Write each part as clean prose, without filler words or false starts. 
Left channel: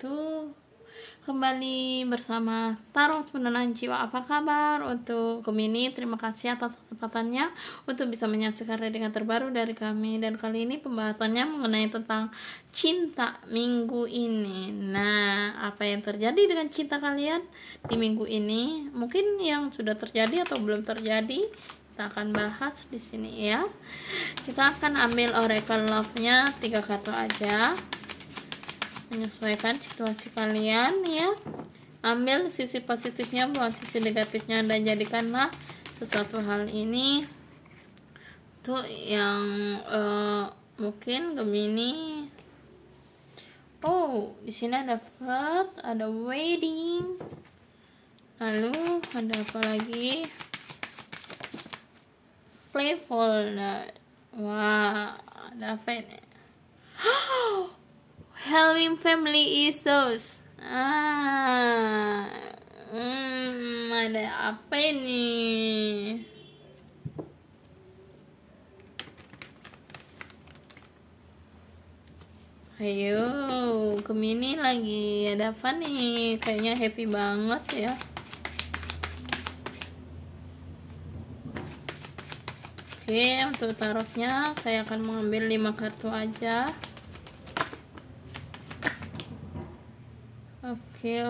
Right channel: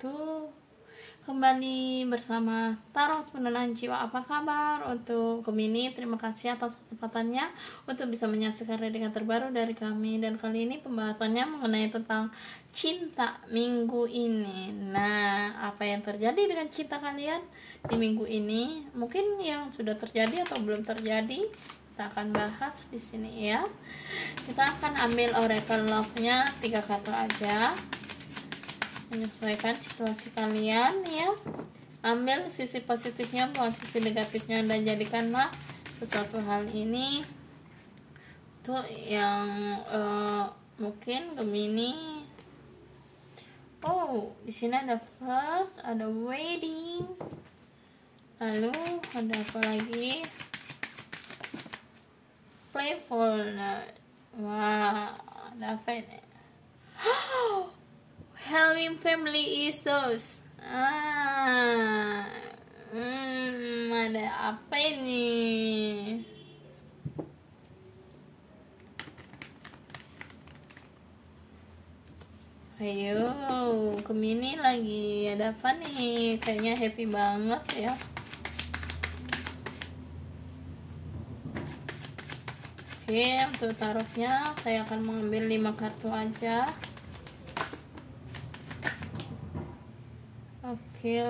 wabarakatuh. Kembali bersama Tarot Penenang Jiwa. Apa kabar untuk Gemini? Terima kasih atas kesempatannya untuk bisa menyaksikan readingan terbaru dari kami. Dan kali ini pembahasannya mengenai tentang cinta minggu ini. Nah, apa yang terjadi dengan cinta kalian di minggu ini? Mungkin yang sudah terjadi atau belum terjadi, kita akan bahas di sini ya. Kita akan ambil oracle love-nya 3 kartu aja, menyesuaikan situasi kalian ya. Ambil sisi positifnya, bukan sisi negatifnya, dan jadikanlah sesuatu hal ini untuk yang mungkin Gemini. Oh, di sini ada flirt, ada wedding, lalu ada apa lagi? Playful. Nah, wah, ada apa ini? Helping family issues. Ada apa ini? Ayo, Gemini lagi ada apa nih? Kayaknya happy banget ya. Oke, untuk tarotnya saya akan mengambil 5 kartu aja. Oke.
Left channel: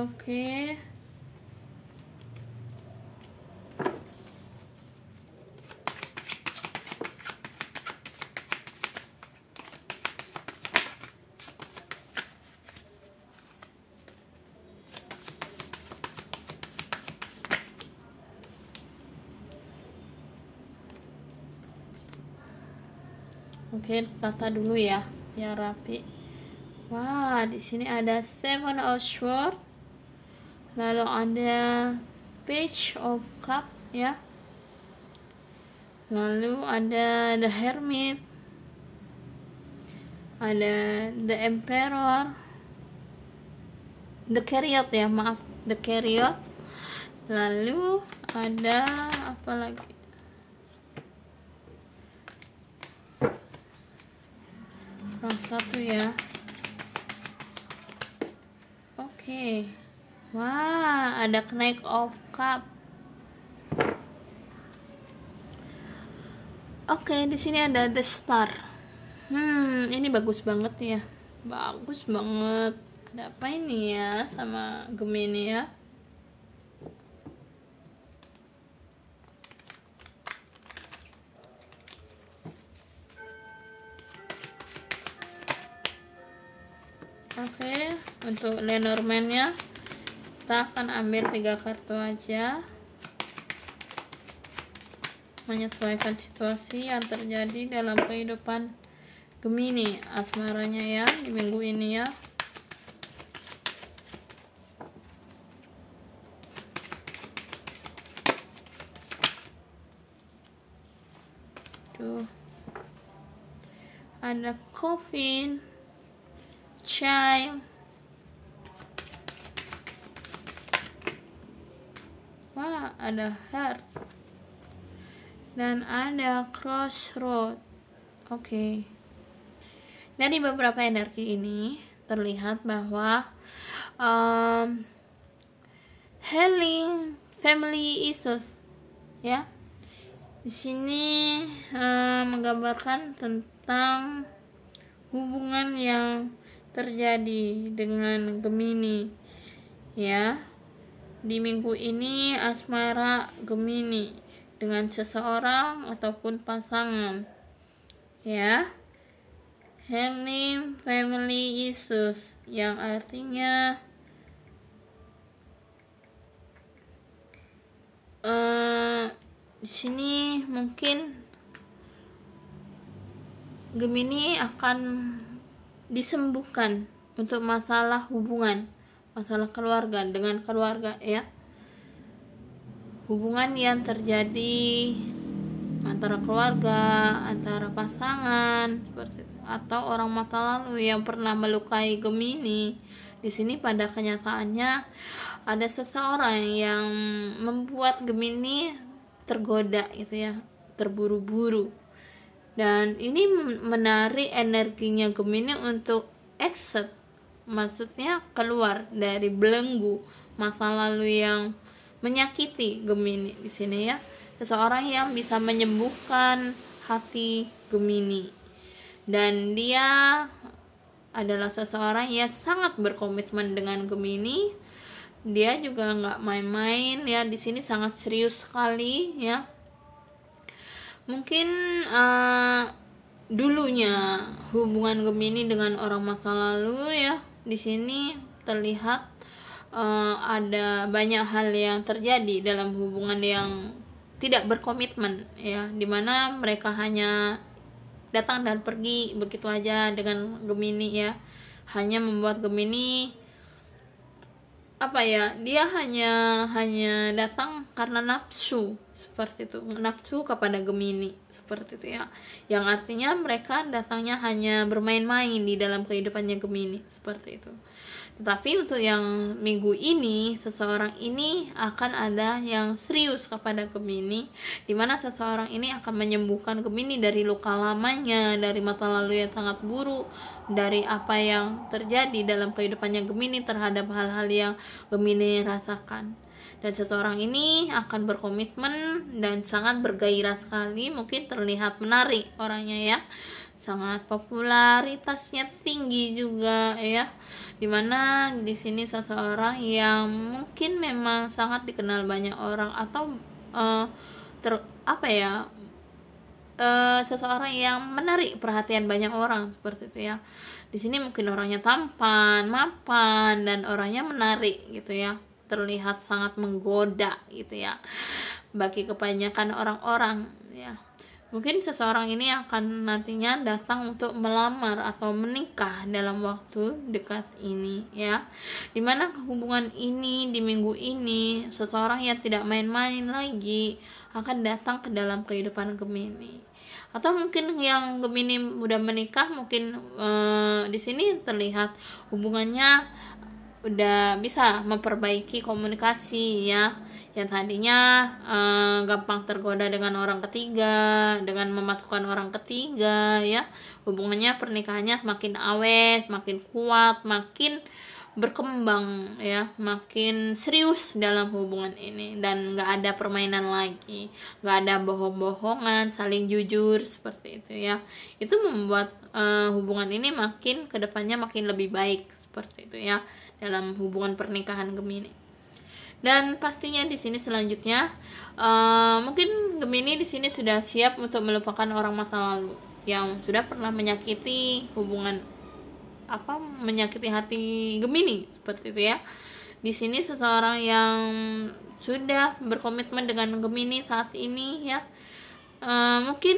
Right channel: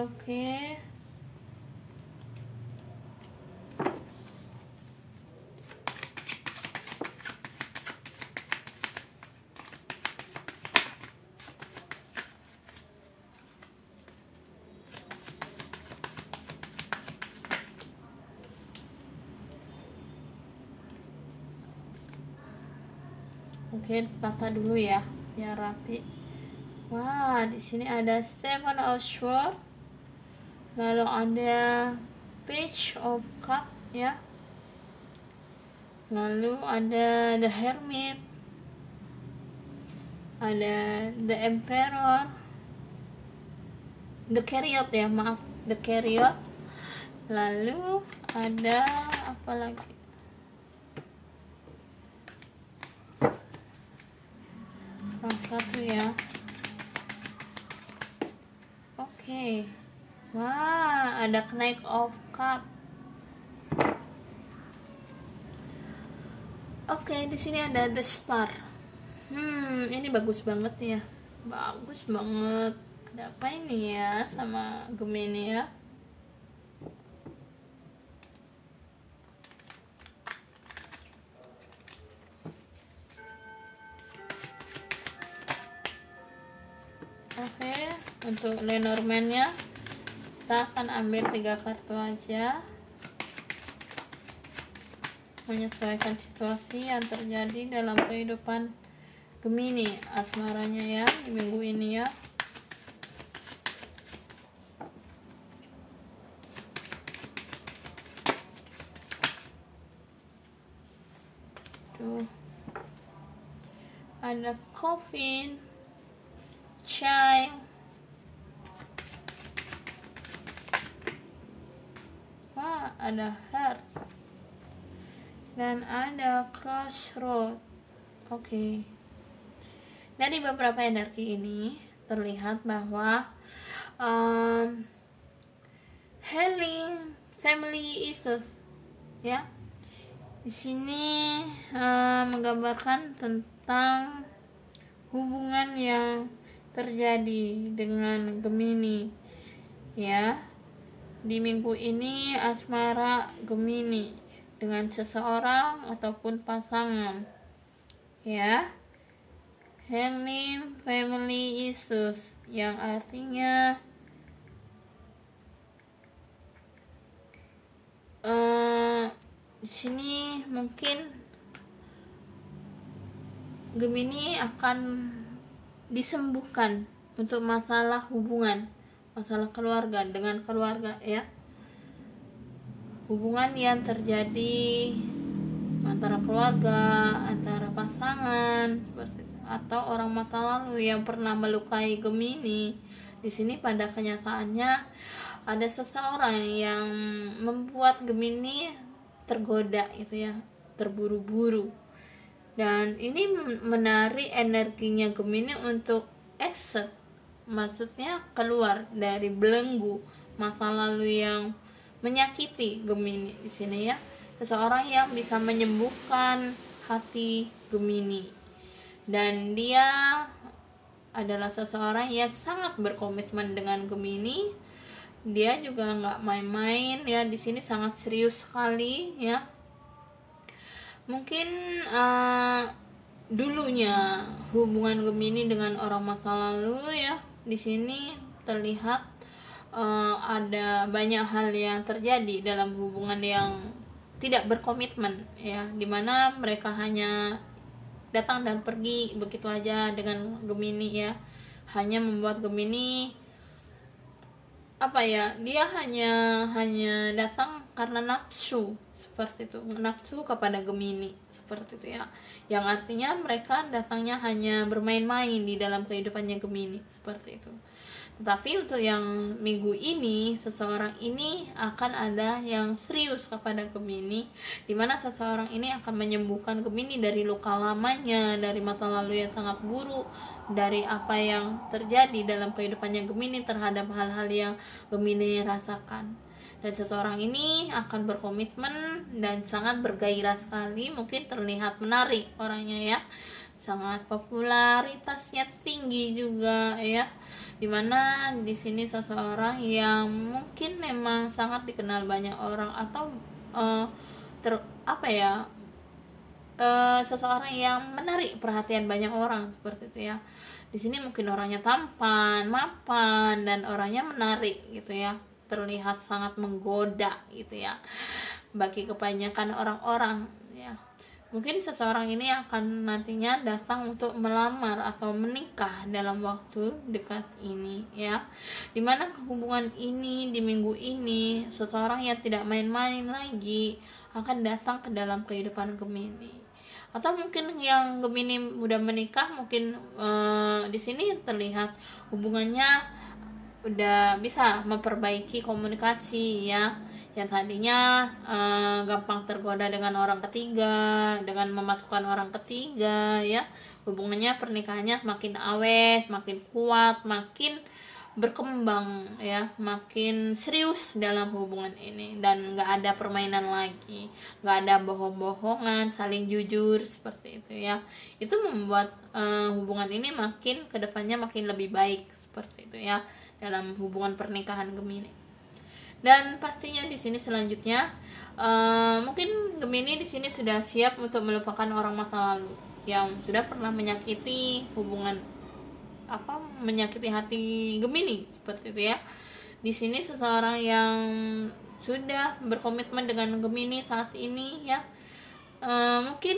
Oke, tata dulu ya, biar rapi. Wah, di sini ada 7 of Swords, lalu ada Page of Cup ya, lalu ada The Hermit, ada The Emperor, The Chariot ya, maaf, The Chariot, lalu ada apa lagi? Satu ya. Oke. Wah, ada Knight of Cup. Oke, di sini ada The Star. Ini bagus banget ya. Bagus banget. Ada apa ini ya sama Gemini ya? Oke, untuk Lenormand-nya kita akan ambil 3 kartu aja, menyesuaikan situasi yang terjadi dalam kehidupan Gemini asmaranya ya di minggu ini ya. Tuh, ada Coffin, Child, wah, ada Heart, dan ada Crossroad. Oke. Dari beberapa energi ini terlihat bahwa healing family issues ya. Di sini menggambarkan tentang hubungan yang terjadi dengan Gemini ya. Di minggu ini asmara Gemini dengan seseorang ataupun pasangan ya. Healing family issues yang artinya di sini mungkin Gemini akan disembuhkan untuk masalah hubungan, masalah keluarga, dengan keluarga ya. Hubungan yang terjadi antara keluarga, antara pasangan seperti itu, atau orang masa lalu yang pernah melukai Gemini. Di sini pada kenyataannya ada seseorang yang membuat Gemini tergoda gitu ya, terburu-buru. Dan ini menarik energinya Gemini untuk accept, maksudnya keluar dari belenggu masa lalu yang menyakiti Gemini di sini ya. Seseorang yang bisa menyembuhkan hati Gemini, dan dia adalah seseorang yang sangat berkomitmen dengan Gemini. Dia juga nggak main-main ya, di sini sangat serius sekali ya. Mungkin dulunya hubungan Gemini dengan orang masa lalu ya, di sini terlihat ada banyak hal yang terjadi dalam hubungan yang tidak berkomitmen ya, dimana mereka hanya datang dan pergi begitu aja dengan Gemini ya, hanya membuat Gemini dia hanya datang karena nafsu, seperti itu, nafsu kepada Gemini seperti itu ya, yang artinya mereka datangnya hanya bermain-main di dalam kehidupannya Gemini seperti itu. Tetapi untuk yang minggu ini, seseorang ini akan ada yang serius kepada Gemini, dimana seseorang ini akan menyembuhkan Gemini dari luka lamanya, dari masa lalu yang sangat buruk, dari apa yang terjadi dalam kehidupannya Gemini terhadap hal-hal yang Gemini rasakan. Dan seseorang ini akan berkomitmen dan sangat bergairah sekali, mungkin terlihat menarik orangnya ya, sangat popularitasnya tinggi juga ya, dimana di sini seseorang yang mungkin memang sangat dikenal banyak orang, atau seseorang yang menarik perhatian banyak orang seperti itu ya. Di sini mungkin orangnya tampan, mapan, dan orangnya menarik gitu ya, terlihat sangat menggoda gitu ya bagi kebanyakan orang-orang ya. Mungkin seseorang ini akan nantinya datang untuk melamar atau menikah dalam waktu dekat ini ya, dimana hubungan ini di minggu ini seseorang yang tidak main-main lagi akan datang ke dalam kehidupan Gemini. Atau mungkin yang Gemini udah menikah, mungkin di sini terlihat hubungannya udah bisa memperbaiki komunikasi ya, yang tadinya gampang tergoda dengan orang ketiga, dengan memasukkan orang ketiga ya, hubungannya pernikahannya makin awet, makin kuat, makin berkembang ya, makin serius dalam hubungan ini, dan nggak ada permainan lagi, nggak ada bohong-bohongan, saling jujur seperti itu ya. Itu membuat hubungan ini makin kedepannya makin lebih baik seperti itu ya, dalam hubungan pernikahan Gemini. Dan pastinya di sini selanjutnya mungkin Gemini di sini sudah siap untuk melupakan orang masa lalu yang sudah pernah menyakiti menyakiti hati Gemini seperti itu ya. Di sini seseorang yang sudah berkomitmen dengan Gemini saat ini ya, mungkin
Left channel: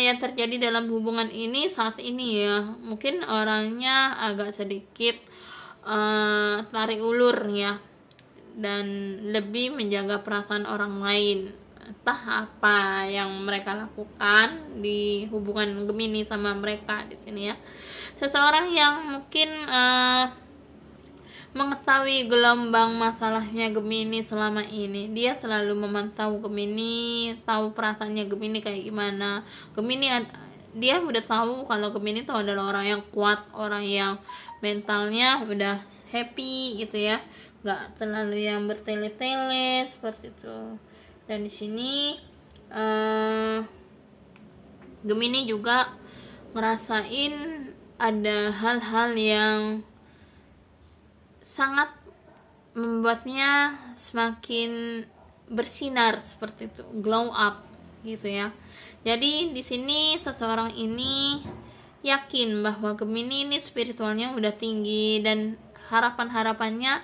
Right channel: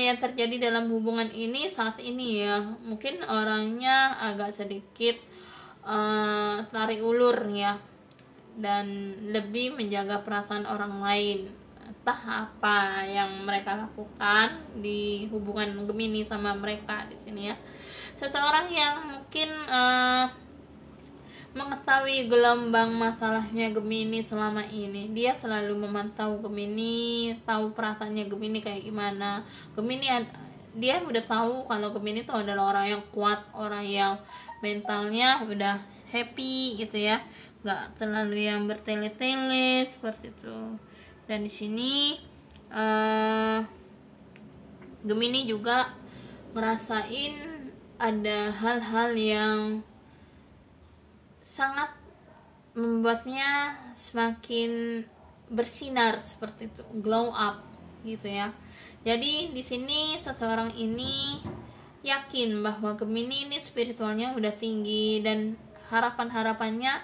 yang terjadi dalam hubungan ini saat ini ya, mungkin orangnya agak sedikit tarik ulur ya, dan lebih menjaga perasaan orang lain. Entah apa yang mereka lakukan di hubungan Gemini sama mereka di sini ya. Seseorang yang mungkin mengetahui gelombang masalahnya Gemini selama ini, dia selalu memantau Gemini, tahu perasaannya Gemini kayak gimana. Gemini dia udah tahu kalau Gemini itu adalah orang yang kuat, orang yang mentalnya udah happy gitu ya, nggak terlalu yang bertele-tele seperti itu. Dan di sini Gemini juga ngerasain ada hal-hal yang sangat membuatnya semakin bersinar seperti itu, glow up gitu ya. Jadi di sini seseorang ini yakin bahwa Gemini ini spiritualnya udah tinggi, dan harapan-harapannya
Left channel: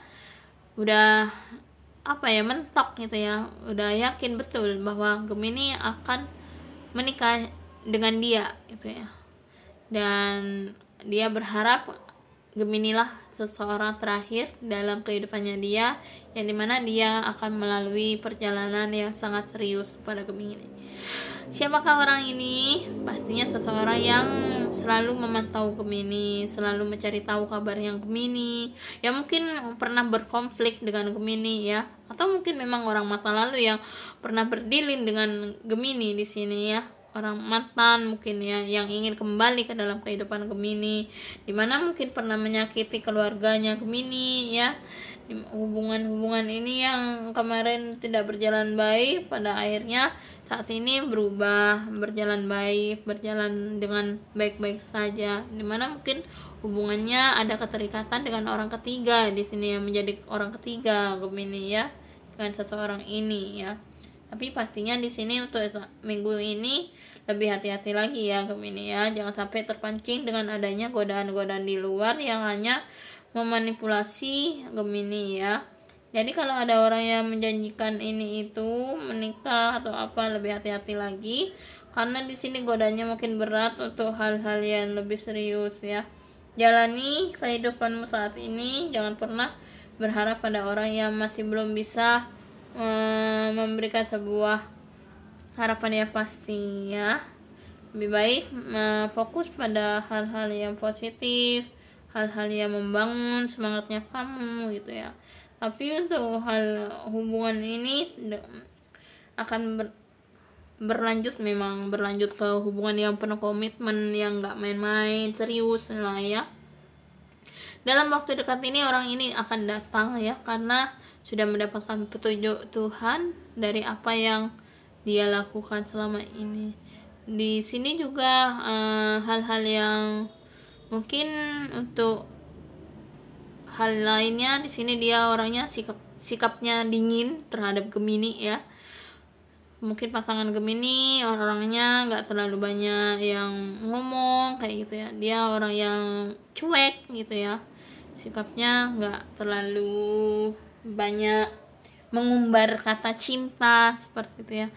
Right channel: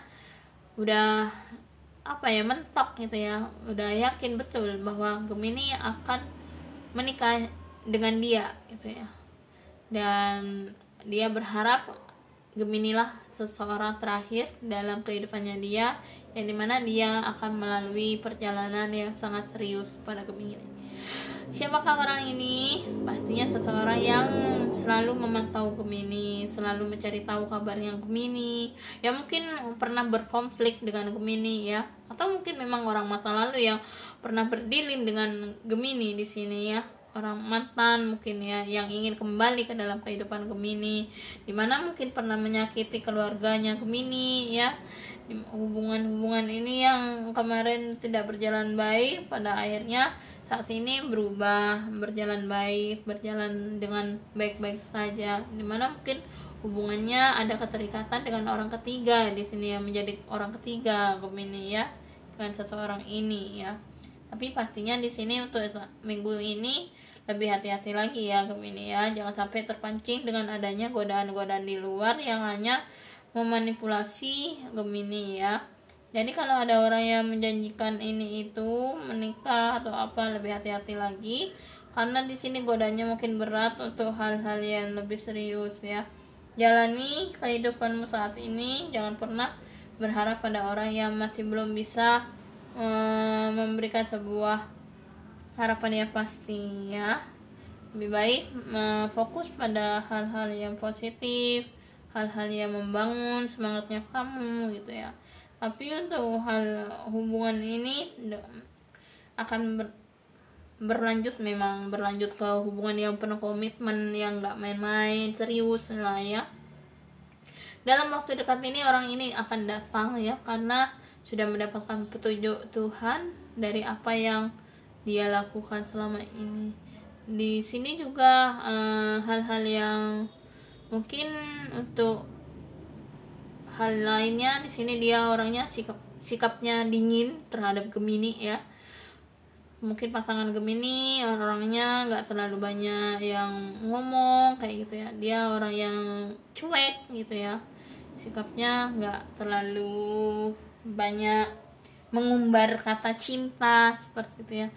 udah mentok gitu ya, udah yakin betul bahwa Gemini akan menikah dengan dia gitu ya, dan dia berharap Gemini lah seseorang terakhir dalam kehidupannya dia, yang dimana dia akan melalui perjalanan yang sangat serius kepada Gemini. Siapakah orang ini? Pastinya seseorang yang selalu memantau Gemini, selalu mencari tahu kabar yang Gemini, yang mungkin pernah berkonflik dengan Gemini ya, atau mungkin memang orang masa lalu yang pernah berdilin dengan Gemini di sini ya. orang mantan mungkin ya, yang ingin kembali ke dalam kehidupan Gemini, dimana mungkin pernah menyakiti keluarganya Gemini ya. Hubungan-hubungan ini yang kemarin tidak berjalan baik, pada akhirnya saat ini berubah, berjalan baik, berjalan dengan baik-baik saja, dimana mungkin hubungannya ada keterikatan dengan orang ketiga di sini, yang menjadi orang ketiga Gemini ya, dengan seseorang ini ya. Tapi pastinya di sini untuk minggu ini lebih hati-hati lagi ya Gemini ya, jangan sampai terpancing dengan adanya godaan-godaan di luar yang hanya memanipulasi Gemini ya. Jadi kalau ada orang yang menjanjikan ini itu menikah atau apa, lebih hati-hati lagi, karena di sini godanya mungkin berat untuk hal-hal yang lebih serius ya. Jalani kehidupanmu saat ini, jangan pernah berharap pada orang yang masih belum bisa memberikan sebuah harapan yang pasti ya. Lebih baik fokus pada hal-hal yang positif, hal-hal yang membangun semangatnya kamu gitu ya. Tapi untuk hal hubungan ini akan berlanjut, memang berlanjut ke hubungan yang penuh komitmen, yang gak main-main, serius lah ya. Dalam waktu dekat ini orang ini akan datang ya, karena sudah mendapatkan petunjuk Tuhan dari apa yang dia lakukan selama ini. Di sini juga hal-hal yang mungkin untuk hal lainnya, di sini dia orangnya sikapnya dingin terhadap Gemini ya. Mungkin pasangan Gemini orangnya nggak terlalu banyak yang ngomong kayak gitu ya, dia orang yang cuek gitu ya, sikapnya nggak terlalu banyak mengumbar kata cinta seperti itu ya.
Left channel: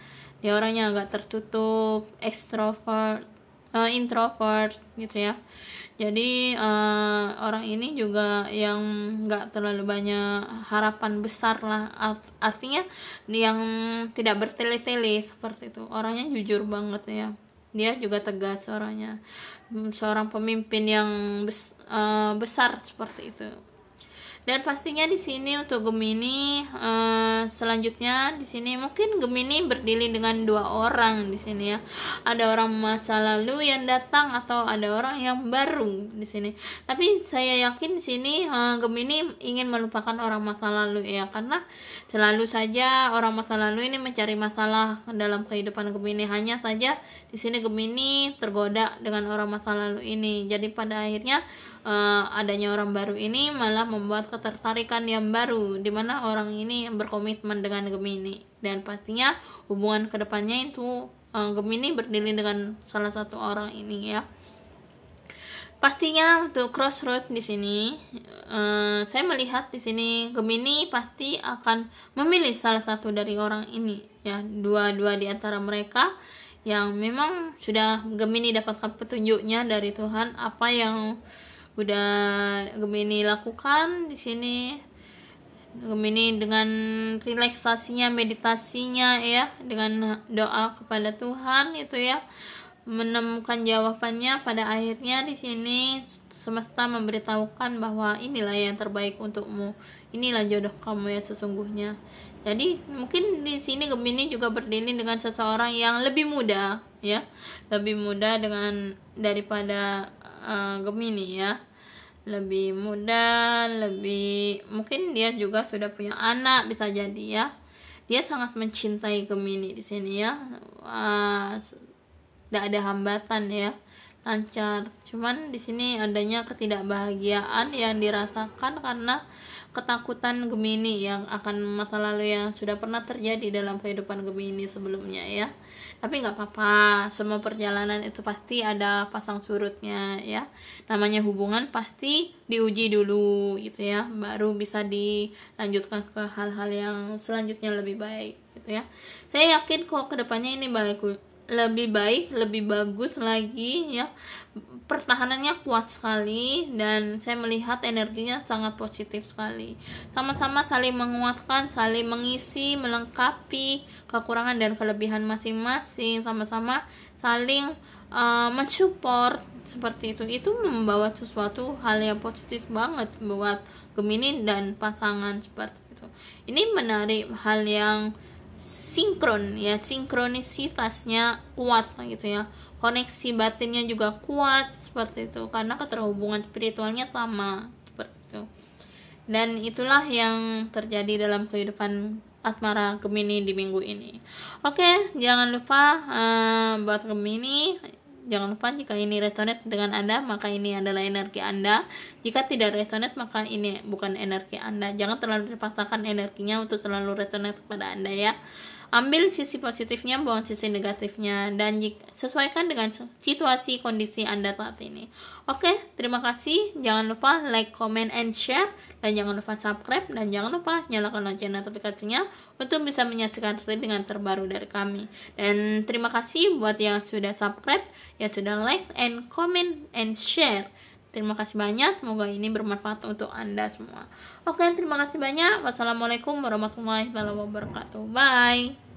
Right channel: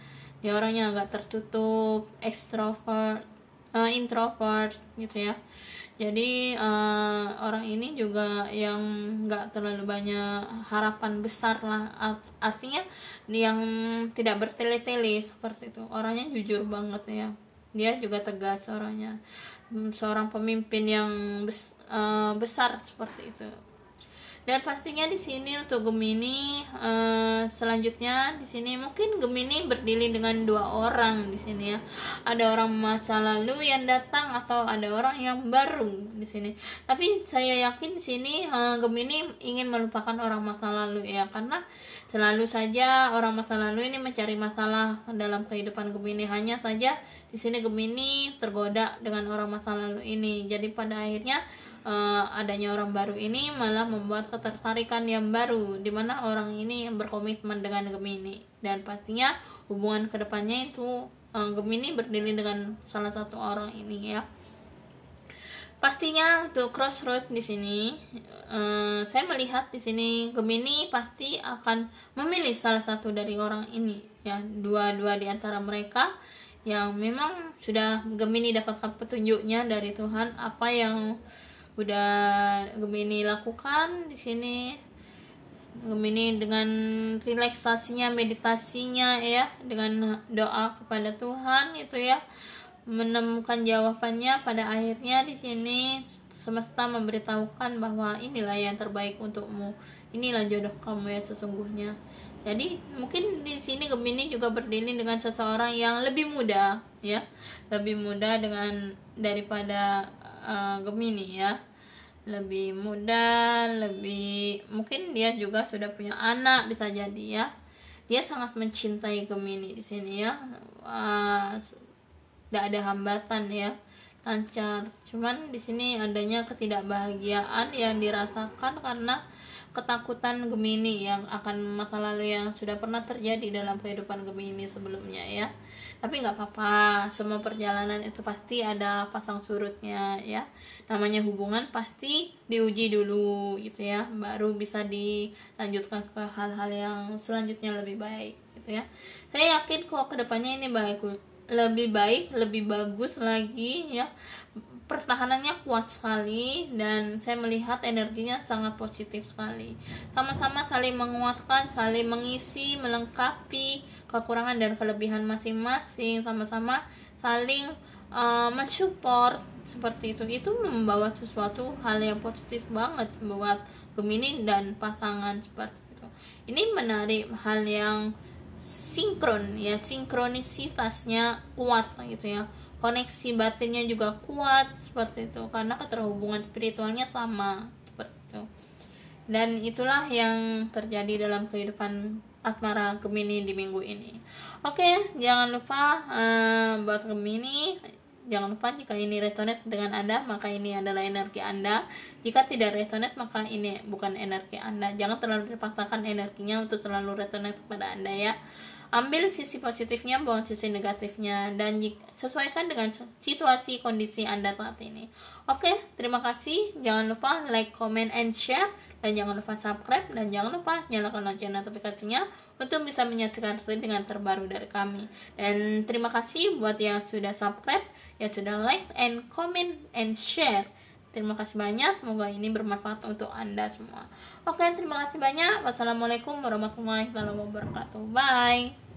Dia orangnya agak tertutup, introvert gitu ya. Jadi orang ini juga yang nggak terlalu banyak harapan besar lah, artinya yang tidak bertele-tele seperti itu. Orangnya jujur banget ya, dia juga tegas orangnya, seorang pemimpin yang besar seperti itu. Dan pastinya di sini untuk Gemini selanjutnya di sini mungkin Gemini berdiri dengan dua orang di sini ya. Ada orang masa lalu yang datang atau ada orang yang baru di sini. Tapi saya yakin di sini Gemini ingin melupakan orang masa lalu ya, karena selalu saja orang masa lalu ini mencari masalah dalam kehidupan Gemini. Hanya saja di sini Gemini tergoda dengan orang masa lalu ini. Jadi pada akhirnya adanya orang baru ini malah membuat ketertarikan yang baru, dimana orang ini berkomitmen dengan Gemini. Dan pastinya hubungan kedepannya itu Gemini berdiri dengan salah satu orang ini ya. Pastinya untuk crossroad di sini saya melihat di sini Gemini pasti akan memilih salah satu dari orang ini ya, dua di antara mereka yang memang sudah Gemini dapatkan petunjuknya dari Tuhan, apa yang udah Gemini lakukan di sini. Gemini dengan relaksasinya, meditasinya ya, dengan doa kepada Tuhan itu ya, menemukan jawabannya. Pada akhirnya di sini semesta memberitahukan bahwa inilah yang terbaik untukmu, inilah jodoh kamu ya sesungguhnya. Jadi mungkin di sini Gemini juga berdiri dengan seseorang yang lebih muda ya, lebih muda daripada Gemini ya, lebih muda, lebih mungkin dia juga sudah punya anak, bisa jadi ya. Dia sangat mencintai Gemini di sini ya, tidak ada hambatan ya, lancar. Cuman di sini adanya ketidakbahagiaan yang dirasakan karena ketakutan Gemini yang akan masa lalu yang sudah pernah terjadi dalam kehidupan Gemini sebelumnya ya. Tapi nggak apa-apa, semua perjalanan itu pasti ada pasang surutnya ya. Namanya hubungan pasti diuji dulu gitu ya, baru bisa dilanjutkan ke hal-hal yang selanjutnya lebih baik gitu ya. Saya yakin kok kedepannya ini lebih baik, lebih bagus lagi ya. Pertahanannya kuat sekali dan saya melihat energinya sangat positif sekali. Sama-sama saling menguatkan, saling mengisi, melengkapi kekurangan dan kelebihan masing-masing, sama-sama saling mensupport seperti itu. Itu membawa sesuatu hal yang positif banget buat Gemini dan pasangan seperti itu. Ini menarik hal yang sinkron ya, sinkronisitasnya kuat gitu ya, koneksi batinnya juga kuat seperti itu, karena keterhubungan spiritualnya sama seperti itu. Dan itulah yang terjadi dalam kehidupan asmara Gemini di minggu ini. Oke, jangan lupa buat Gemini, jangan lupa jika ini resonate dengan Anda, maka ini adalah energi Anda. Jika tidak resonate, maka ini bukan energi Anda. Jangan terlalu dipaksakan energinya untuk terlalu resonate kepada Anda ya. Ambil sisi positifnya, buang sisi negatifnya, dan sesuaikan dengan situasi kondisi Anda saat ini. Oke, terima kasih. Jangan lupa like, comment, and share, dan jangan lupa subscribe, dan jangan lupa nyalakan lonceng notifikasinya untuk bisa menyaksikan readingan terbaru dari kami. Dan terima kasih buat yang sudah subscribe, yang sudah like, and comment, and share. Terima kasih banyak, semoga ini bermanfaat untuk Anda semua. Oke, terima kasih banyak. Wassalamualaikum warahmatullahi wabarakatuh. Bye.